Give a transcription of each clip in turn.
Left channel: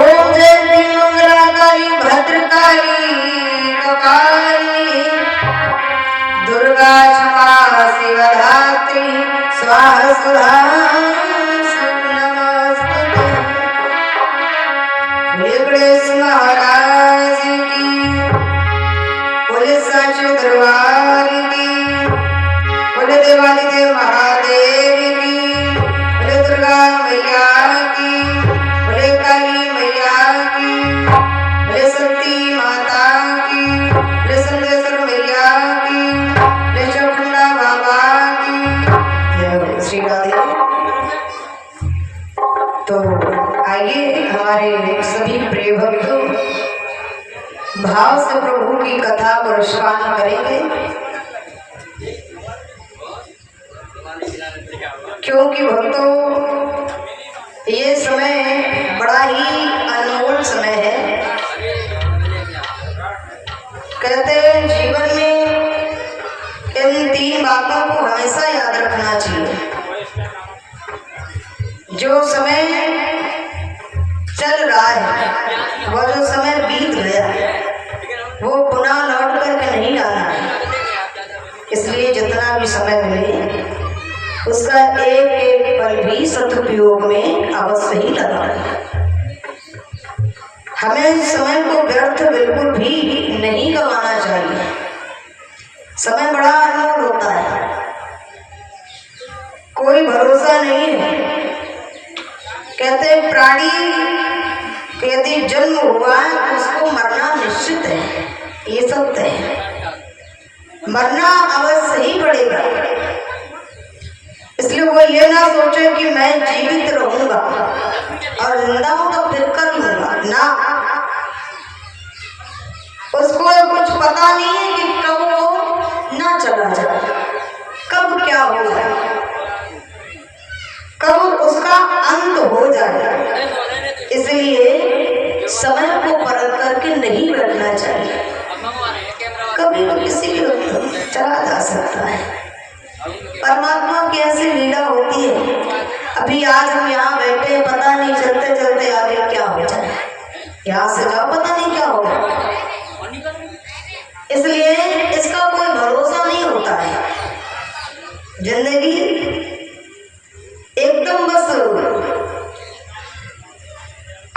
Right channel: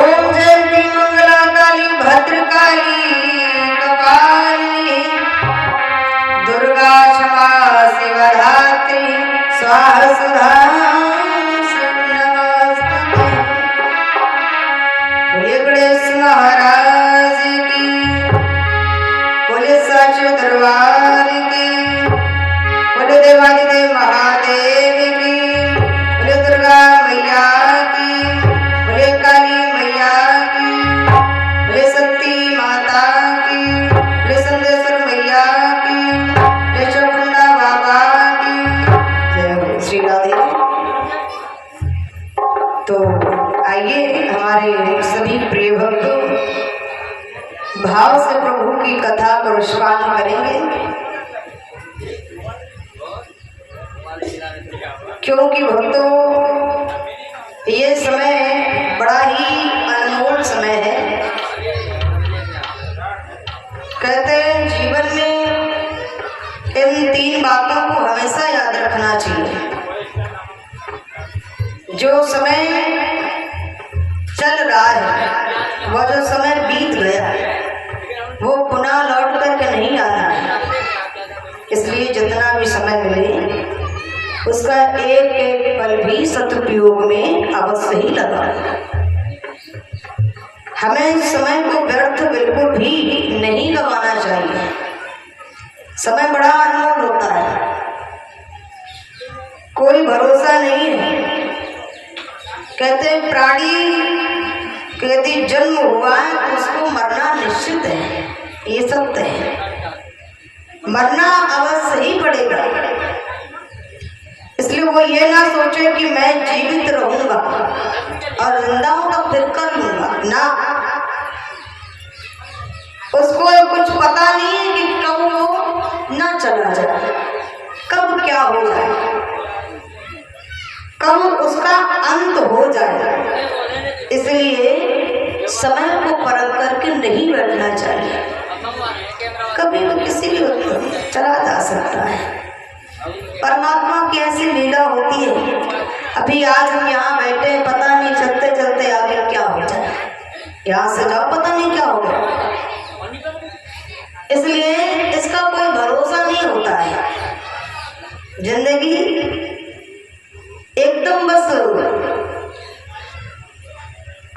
ओम जयंती मंगला काली भद्रकाली कपालिनी दुर्गा क्षमा शिवधात्री स्वाहा सुधा गणेश महाराज की बोले साचे दरबार की बोले देवादिदेव महादेव की बोले दुर्गा मैया की बोले काली मैया की बोले शक्ति माता की बोले संदेश्वर मैया की बोले चौकुंडा बाबा की जय श्री राधे। तो आइए हमारे सभी प्रिय भक्त भाव से प्रभु की कथा को श्रवण करेंगे, क्योंकि भक्तों ये समय बड़ा ही अनमोल समय है। कहते हैं जीवन में इन तीन बातों को हमेशा याद रखना चाहिए। जो समय चल रहा है, वह जो समय बीत गया वो पुनः लौट करके नहीं आना है। इसलिए जितना भी समय मिले उसका एक एक पल भी सदुपयोग में अवश्य ही लगा। हमें समय को व्यर्थ बिल्कुल भी नहीं गंवाना चाहिए। समय बड़ा अनमोल होता है, कोई भरोसा नहीं है। कहते प्राणी यदि जन्म हुआ उसको मरना निश्चित है, ये सत्य है, मरना अवश्य ही पड़ेगा। इसलिए वो ये ना सोचे कि मैं जीवित रहूंगा और जिंदा हूं तो फिर कर लूंगा ना। उसको कुछ पता नहीं है कि कब वो ना चला जाए, कब क्या हो जाए, कब उसका अंत हो जाए। इसलिए समय को परख करके नहीं बैठना चाहिए। कभी भी किसी भी वक्त चला जा सकता है। परमात्मा की ऐसी लीला होती है। अभी आज हम यहाँ बैठे, पता नहीं चलते चलते आगे क्या हो जाए, यहाँ से जाओ पता नहीं क्या होगा। इसलिए इसका कोई भरोसा नहीं होता है। जिंदगी एकदम बस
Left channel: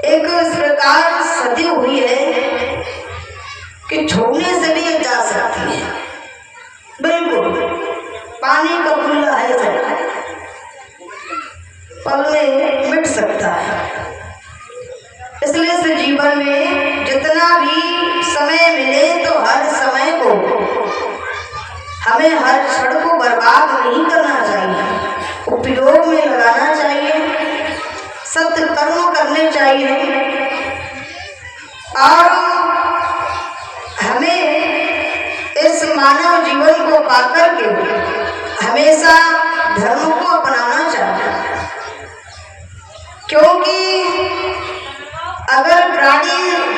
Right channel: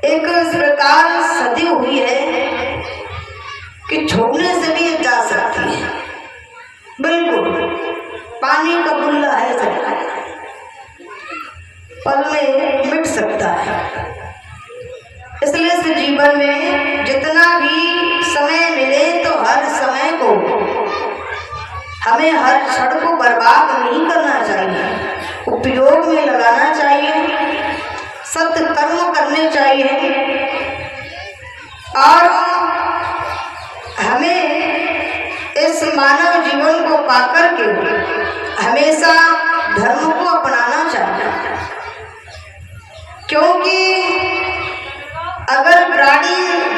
एक इस प्रकार सदी हुई है कि छोड़ने से भी जा सकती है। बिल्कुल पानी का खुला है, पल में मिट सकता है। इसलिए इस जीवन में जितना भी समय मिले तो हर समय को हमें हर क्षण को बर्बाद नहीं करना चाहिए, उपयोग में लगाना चाहिए, सत्य कर्म करने चाहिए। और हमें इस मानव जीवन को पाकर के हमेशा धर्म को अपनाना चाहिए, क्योंकि अगर प्राणी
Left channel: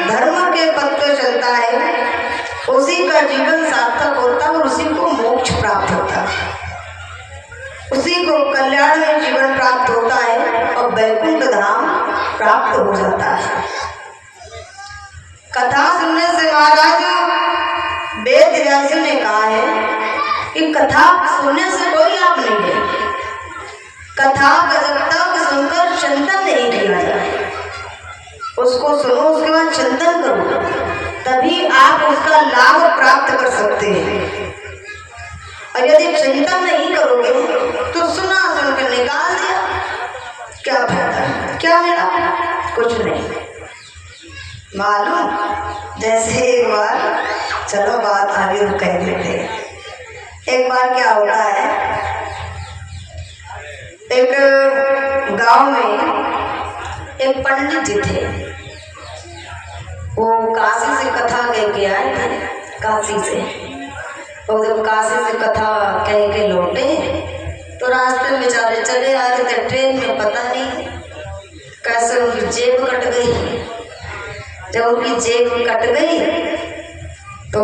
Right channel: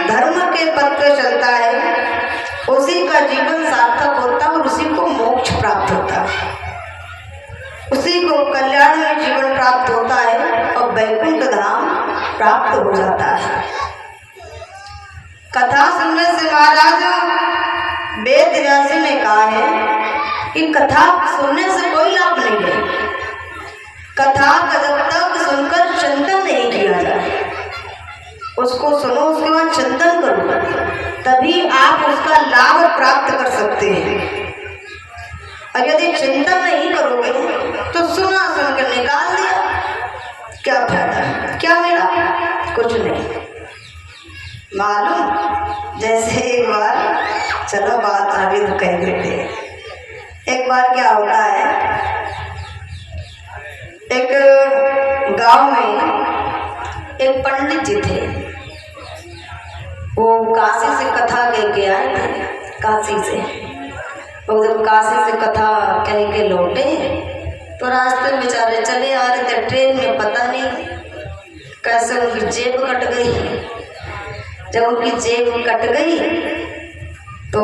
धर्म के पथ पे चलता है उसी का जीवन सार्थक होता है और उसी को मोक्ष प्राप्त होता है, उसी को कल्याण में जीवन प्राप्त होता है और वैकुंठ धाम प्राप्त हो जाता है। कथा सुनने से महाराज वेद व्यास ने कहा है कि कथा सुनने से कोई लाभ नहीं है। कथा का जब तक सुनकर चिंतन नहीं किया जाए, उसको सुनो उसके बाद चिंतन करो, तभी आप उसका लाभ प्राप्त कर सकते हैं। और यदि चिंतन नहीं करोगे तो सुना सुनकर निकाल दिया, क्या फायदा, क्या मिला, कुछ नहीं। मालूम जैसे एक बार, चलो बात आगे तो कह देते। एक बार क्या होता है, एक गांव में एक पंडित जी थे। वो काशी से कथा कह के आए थे, काशी से। वो जब काशी से कथा कह के लौटे तो रास्ते में बेचारे चले आ रहे थे ट्रेन में, पता नहीं कैसे उनकी जेब कट गई। जब उनकी जेब कट गई तो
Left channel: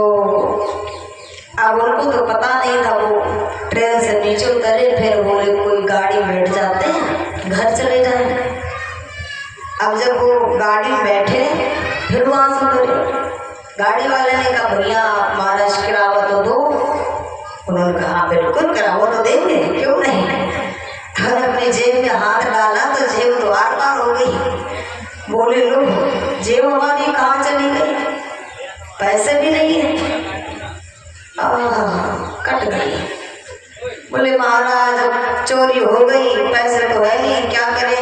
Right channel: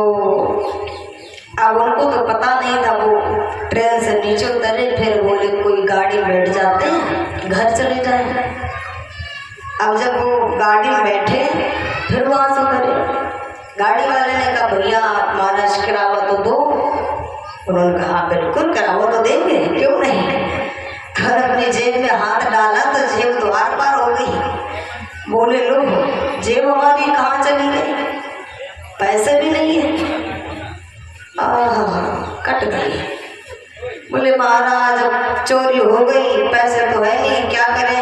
अब उनको तो पता नहीं था, वो ट्रेन से नीचे उतरे, फिर बोले कोई गाड़ी बैठ जाते हैं, घर चले जाए। अब जब वो गाड़ी में जेब में हाथ डाला तो जेब द्वार पार हो गई। बोले लो जेब हमारी कहाँ चली गई, पैसे भी नहीं है। कट गई। बोले महाराज अब चोरी हो गई, पैसे तो है नहीं, क्या करें।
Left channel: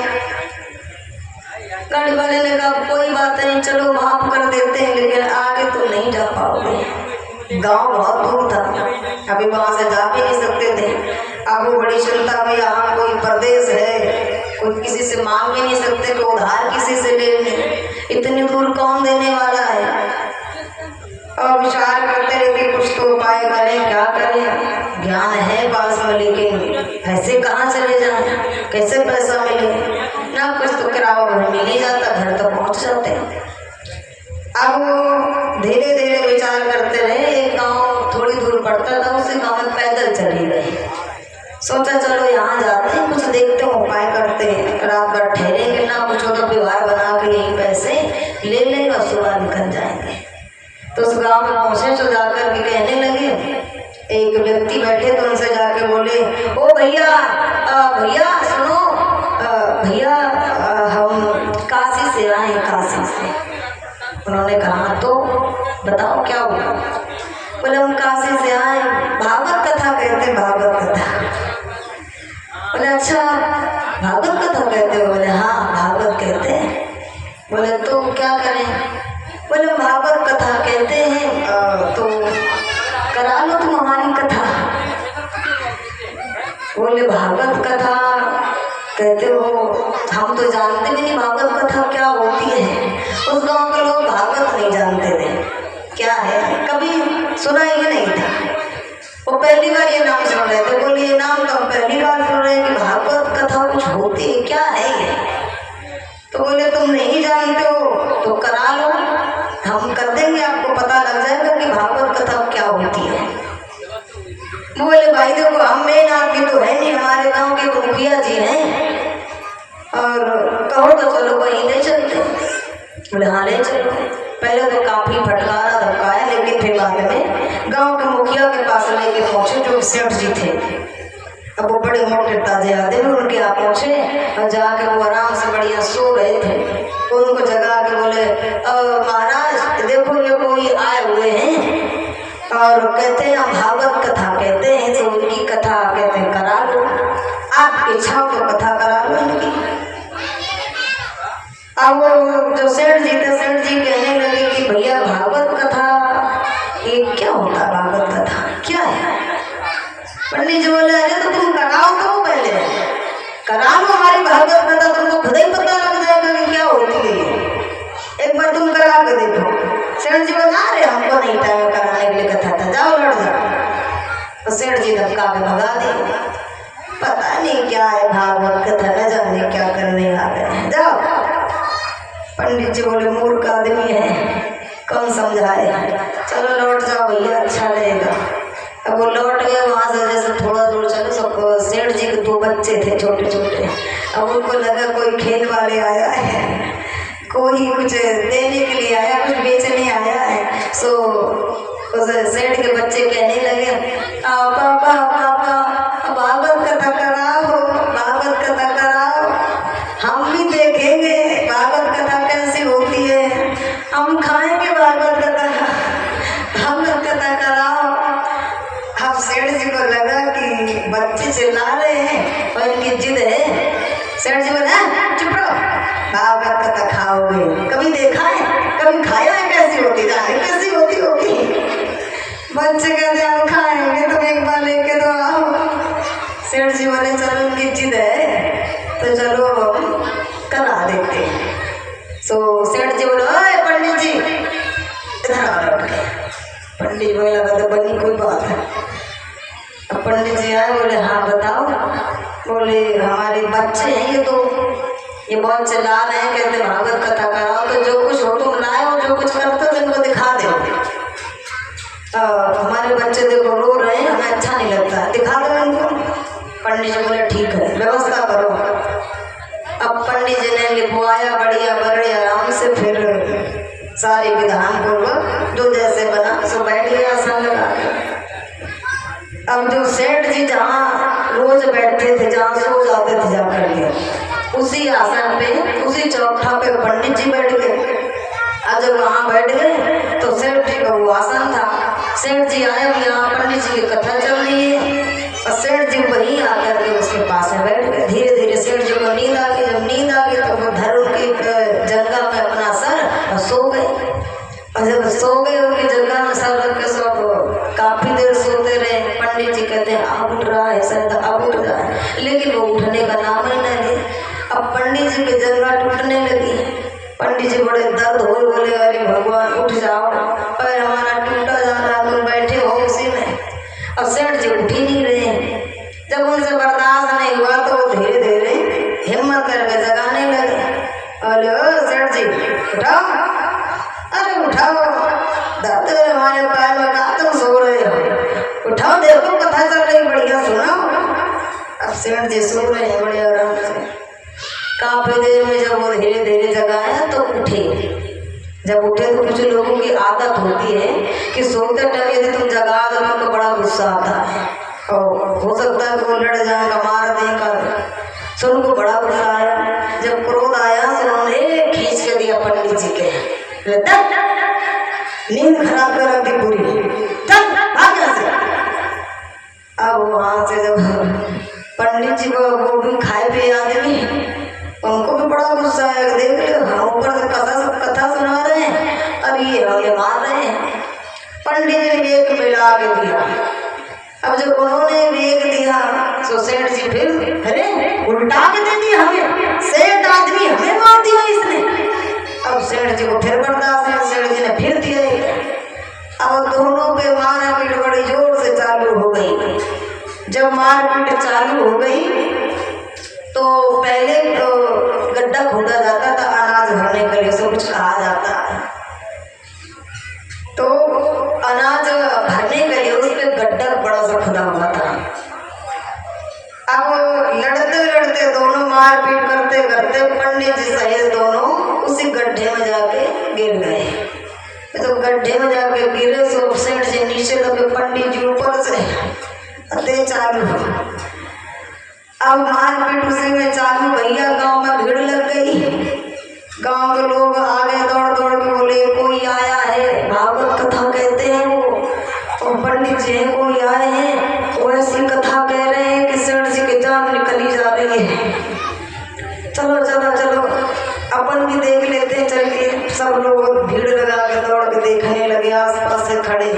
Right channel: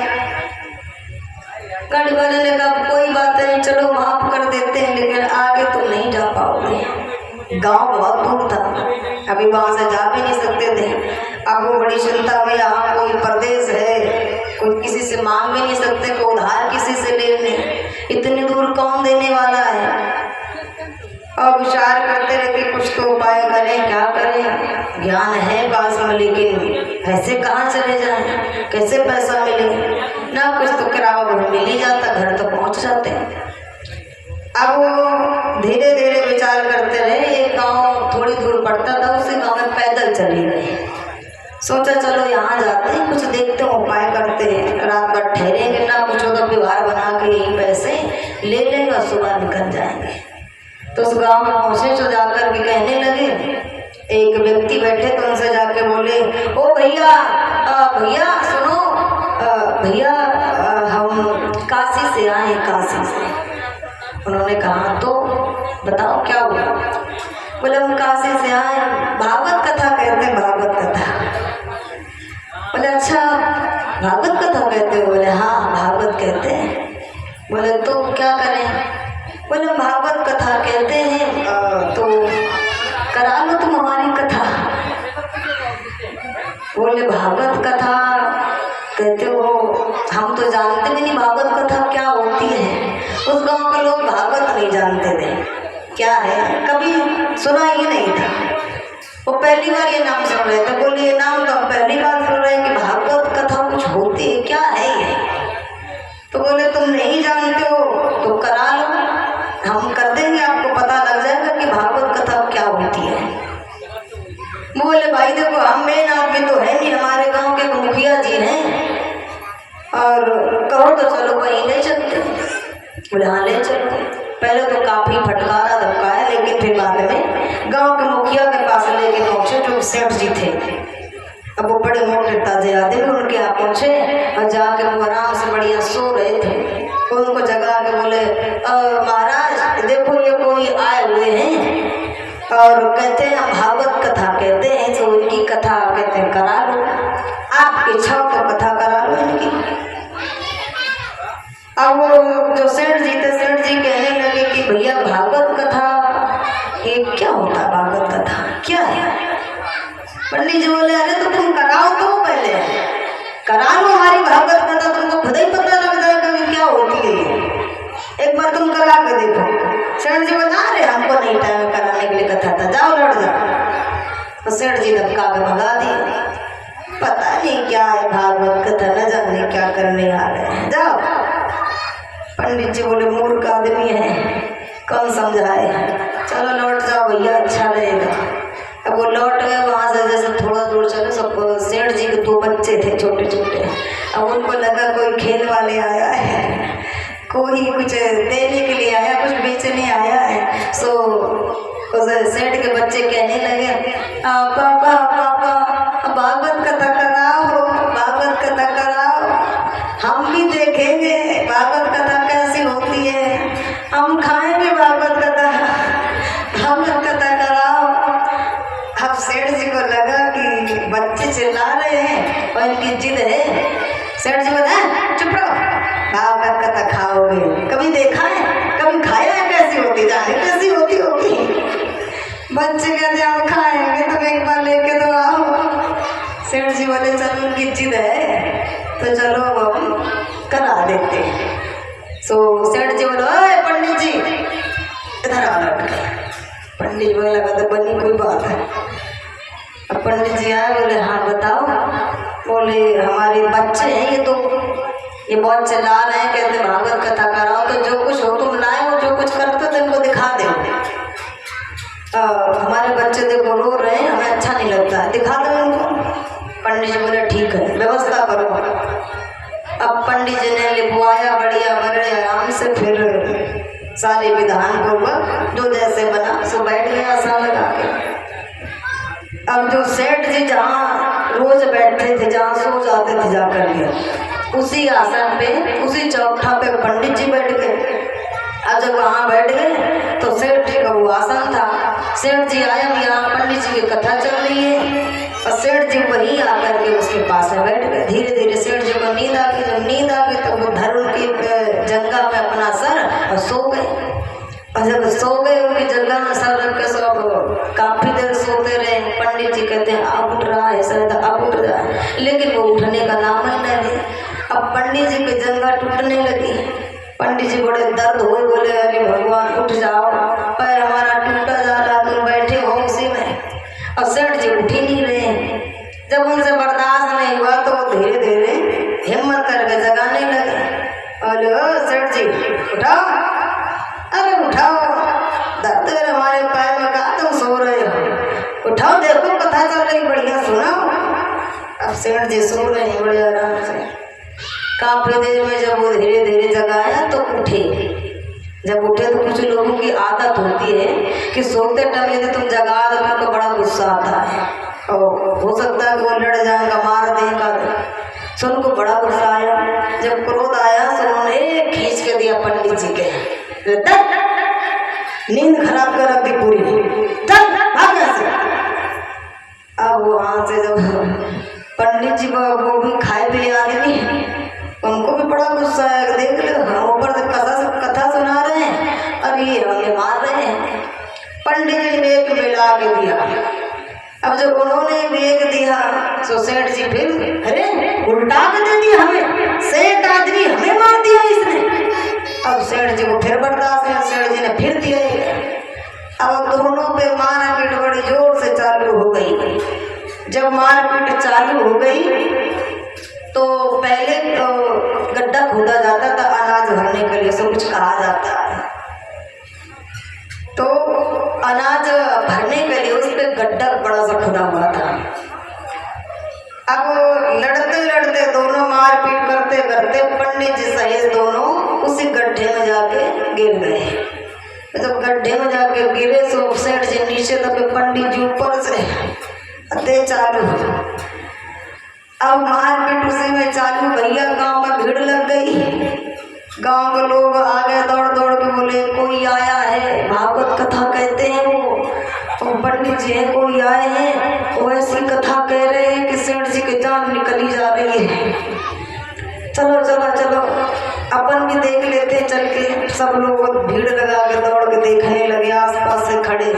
गाड़ी वाले ने कहा कोई बात नहीं, चलो माफ कर देते हैं, लेकिन आगे तो नहीं जा पाओगे। गांव बहुत दूर था, अभी वहां से जा भी नहीं सकते थे। अब वो बड़ी चिंता में, यहाँ कोई प्रदेश है, कोई किसी से मांग भी नहीं सकते, कोई उधार किसी से ले लें, इतनी दूर कौन देने वाला है। और विचार करते रहे कि कुछ तो उपाय करें, क्या करें। ज्ञान है पास में, लेकिन पैसे कहाँ चले जाएं, कैसे पैसा मिले ना। कुछ तो किराया घर मिल ही जाता, घर तक पहुँच जाते। अब धीरे धीरे विचार करते रहे। एक गांव थोड़ी दूर पड़ता था, उसी गांव में पैदल चले गए। सोचा चलो यहाँ जाते हैं, कुछ देखते हैं, उपाय करते हैं, रात भर ठहरेंगे ना, कुछ होगा व्यवहार बना के यही पैसे ले लेंगे, सुबह निकल जाएंगे। तो उस गांव में पहुंचे तो जाकर के कहने लगे, एक व्यक्ति बैठे तो उनसे जाके बोले, ओ भैया भैया सुनो, भैया हम काशी से आए, काशी से। उन्होंने कहा तो बताओ क्या हुआ। बोले हम काशी से आए, भागवत कथा कहते हैं, भागवत कथा। बोले अच्छा भागवत कथा कहते हो। बोले हाँ भागवत कहते हैं। बोले तो क्या करें। बोले भागवत कथा कहते हैं, तो करा लो तुम हमारी कथा। बोले भागवत कथा कहते हो, हम तो जानते भी नहीं भागवत कथा क्या होती है। उस गांव के लोग भागवत नहीं जानते थे क्या है, कभी सुना ही नहीं था। वो पहली बार ये नाम सुन रहे थे। बोले ये नाम तो हम पहली बार सुन रहे हैं कि भागवत कथा कुछ होती है, क्या है ये। तो बोले तुम नहीं जानते हो तो करा लो, हम कर देंगे, आपको पता लग जाएगा कि भागवत कथा क्या होती है। बोले भाई देखो हम मेन आदमी तो है नहीं, हमारे गांव के मुखिया जी हैं, और कहो तो चलो वहीं ले चलते। बोले हाँ ले चलो। पहले तो काफी फटकारा धमकाया, लेकिन फिर बाद में गांव के मुखिया के पास लेके पहुंचे, जो सेठ जी थे। अब वो बड़े मोटे ताजे आदमी उनके यहाँ पहुंचे और जाके वो आराम से बढ़िया सो रहे थे। तो उनको जगा के बोले महाराज देखो ये कोई आए हुए हैं और कहते हैं भागवत कथा कहते हैं, जो उनकी कथा कहते हैं करा लो, आपकी इच्छा तो कथा करा लो इनकी। अब वो जो सेठ जी थे, सेठ जी कहने लगे कि भैया भागवत कथा ये क्या होता, भागवत कथा क्या है। पंडित जी बोले अरे तो तुम कराओ तो पहले, करा लो हमारी भागवत कथा, तुमको खुद ही पता लग जाएगा कि क्या होती है, एक बार तुम करा के देखो। सेठ जी बता रहे हमको नहीं टाइम कराने के लिए कथा था, जाओ लड़ जाओ। तो सेठ जी धक्का के भगा दिए। पता नहीं क्या है भागवत कथा, न जाने क्या करने आ गए, जाओ। पंडित जी बोले मूर्ख आदमी है, कौन समझाए, चलो लौट जाओ भैया, अच्छा रहेगा। अब वो लौट गए। वहाँ से जैसे थोड़ा दूर चले, सबको सेठ जी के 2 बच्चे थे छोटे छोटे। अब उनको लगा कोई खेल वाले आया है, कोई कुछ देने के लिए आया, कुछ बेचने आया है। सो उस सेठ के बच्चे कहने लगे पापा पापा भागवत कथा कराओ, भागवत कथा कराओ, हम भी देखेंगे भागवत कथा कैसी होती है, हम खाएंगे भागवत कथा, भागवत कथा कराओ। अब सेठ जी को लगा कि बच्चे चिल्ला रहे हैं और इनकी जिद है। सेठ जी बोले चुप रहो, भागवत कथा खाओगे, कभी देखा है, कभी खाया है, कैसी होती, जाने कैसी होती होगी। बच्चे कहते हम खाएंगे, तुम एक बार लेके तो आओ। सेठ जी बोले चलो उनकी जिद है तो चलो करा देते हैं। सो सेठ जी बोले ओए पंडित जी इधर आओ, लौट के। पंडित जी बोले लगा तो बनी कोई बात है। अब पंडित जी आए, बोले हाँ बताओ। बोले हमारे बच्चे हैं ये बहुत चिल्ला रहे हैं, कहते भागवत कथा कराओ, तो जो कुछ हो तुम लाए हो, जो कुछ करते हो इनको दिखा दो। हमारे बच्चे देखो रो रहे हैं, हमें अच्छा नहीं लगता, दिखा दो इनको। पंडित जी बोले ठीक है व्यवस्था करो। अब पंडित जी ने लिखवाया बढ़िया बड़े आराम से, फिर सारे विधान पूर्वक जो जैसे बना सो बैठ गया आसान लगा के। अब जो सेठ जी जहाँ रोज बैठते थे, जहाँ सो जाते थे जाकर के उसी आसन पे, उसी चौखटा पे पंडित जी बैठ गए। और जब वहाँ बैठ गए तो सेठ जी का वो आसन था। सेठ जी आया, यहाँ पंडित जी की कथा चल रही है और सेठ जी वहीं आकर के उसके पास में बैठ गए। धीरे धीरे सेठ जी को नींद आ गई। जब नींद आ गई तो वो धर्म की जगह में अपना सर और सो गए। और जब सो गए उनकी जगह में सर रख के सब काफी देर सोते रहे। पंडित जी कहते हैं अब उठ रहा है, शायद अब उठ रहा है, लेकिन वो उठने का नाम ही नहीं ले। अब पंडित जी की जगह टूटने लगी। पंडित जी बड़े दर्द हुए, बोले अरे भगवान उठ जाओ, पैर हमारा टूटा जा रहा, तुम बैठे हो उसी में। और सेठ जी उठ ही नहीं रहे। जब उनसे बर्दाश्त नहीं हुआ तो धीरे धीरे हिम्मत करके जगाने लगे। बोले ओ सेठ जी उठाओ, अरे उठाओ, दर्द है हमारे पैर में, कहा तुम सो रहे हो, उठाओ, देखो कथा चल रही, बढ़िया सुनाओ। अब सेठ जी सो रहे हैं बड़े आराम से। काफी देर में जब वो धीरे धीरे जगाया तो उठे। जब उठे तो कुछ लोगों की आदत होती है कि सोते टाइम यदि तुम जगा दो तो बड़ा गुस्सा आता है और हो सकता है वो लड़ जाएगा, मार देगा। तो उनको बड़ा गुस्सा आया। जब क्रोध आया तो उन्होंने खींच के दिया पंडित जी के, नींद खराब कर रखी पूरी, अब वहां से जब पंडित जी को वो भी खाए पिए आदमी, उनको भी बड़ा गुस्सा है। देख लो हम ऊपर से कथा सुना रहे हैं और ये हमें मार रहे हैं। पंडित जी ने वेग मिला के दिया। अब जब उन्होंने वेग दिया तो सेठ जी फिर अरे उल्टा के दे दिया हमें, सेठ आदमी हमें मार दिया इसने। अब सेठ जी को फिर बर्दाश्त है, सेठ जी ने फिर दिया। अब दोनों पे मारपीट बड़ी जोर से चालू हो गई। जब मारपीट चालू हो गई तो पहले तो गड्ढा खोदा जाता था अनाज भरने के लिए, सब कुछ कहा जाता है। तो अनाज भरने के लिए उस पर गड्ढा बड़ा सा खुदा हुआ था। अब लड़ते लड़ते दोनों मारपीट करते करते पंडित जी सहित दोनों उसी गड्ढे में जाके गिर गए। तो गड्ढे में जाके गिरे तो सेठ जी नीचे लगे, पंडित जी ऊपर से अते चालू। अब मारपीट उसी में चालू। भैया गांव में भीड़ लग गई। गांव के लोग आगे दौड़ दौड़ के बोले कोई आया है, भागवत कथा कहते हैं वो, और पंडित जी हैं कोई आए हैं, वो ऐसी कथा कह रहे हैं कि सेठ जी की जान निकली जा रही है। चलो चलो चलो अपन भी देख लेते हैं चल के। सब लोग भीड़ लगा के दौड़ के देखने लगे, आसपास से खड़े।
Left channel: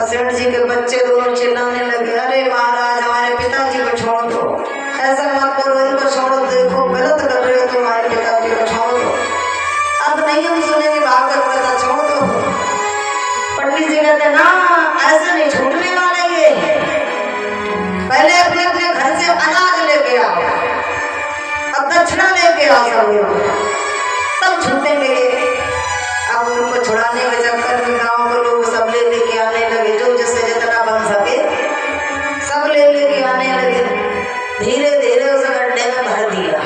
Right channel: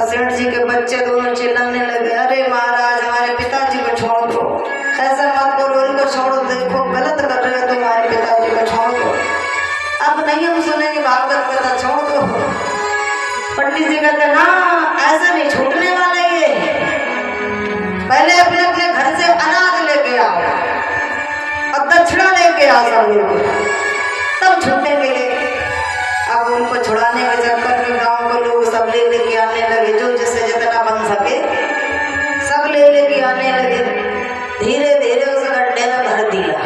सेठ जी के बच्चे दोनों चिल्लाने लगे अरे महाराज हमारे पिताजी को छोड़ दो, ऐसा मत करो, इनको छोड़ दो, देखो गलत कर रहे हो तुम्हारे पिताजी को छोड़ दो। अब नहीं हम सुनेंगे, भागवत कथा छोड़ दो। पंडित जी कहते ना ऐसा नहीं छूटने वाला ये, पहले अपने अपने घर से अनाज लेके आओ, अब दक्षिणा लेके आओ सब लोग, तब छूटेंगे। अब उनको छुड़ाने के चक्कर में गांव के लोग सब ले लेके आने लगे, जो जैसे जितना बन सके सब ले लेके आने लगे। धीरे धीरे उस गड्ढे में भर दिया।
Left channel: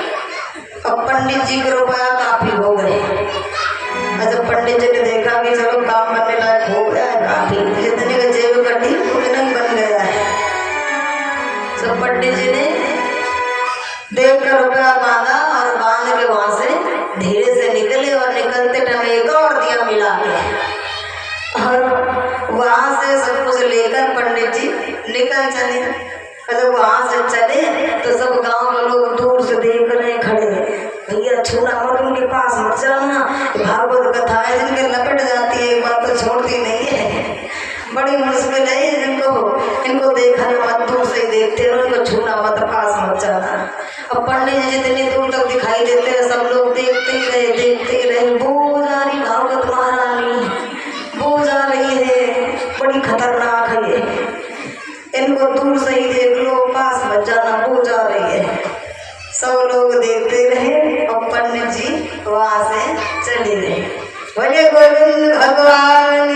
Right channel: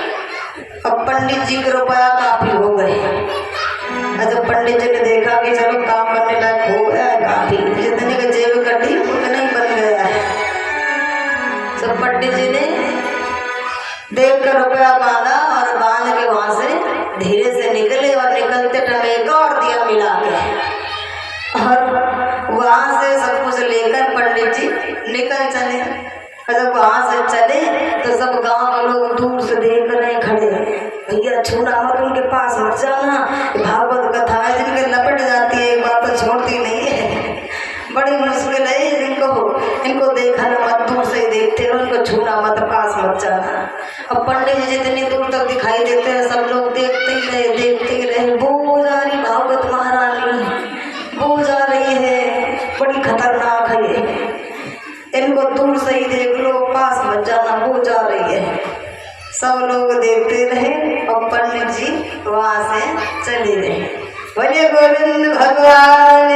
अब पंडित जी के रुपया काफी हो गए। जब पंडित जी ने देखा कि चलो काम करने लायक हो गया है काफी, जितने के जेब कटी उतने ही बन गया है। तो पंडित जी ने देख कर रुपया बांधा और बांध के वहां से धीरे से निकले और निकलते टाइम एक और दिया मिला के और वहां से सब कुछ लेकर पंडित जी निकल चले। और जब वहां से चले तो सब गांव के लोग दूर से देख रहे खड़े, भैया छूना मत, उनके पास मत जाना, भागवत कथा है जिनके लपट जाती है बात तो छोड़ती नहीं है, बड़ी मुश्किल है इनको देखना मत, दूर से देखते रहो, उनको छूना मत, पास मत जाना। अब पंडित जी जितनी दूर तक दिखाई देते हैं सब लोग देखते ही रहे। वो जा रही भागवत महारानी, वो जा रही है, बड़ी खतरनाक है ये, इनको दूर से ही देख लो, पास मत जाना, वो जा रही है। सब लोग देखते रहे और पंडित जी वहां से चले गए। बोले गोविंद भगवान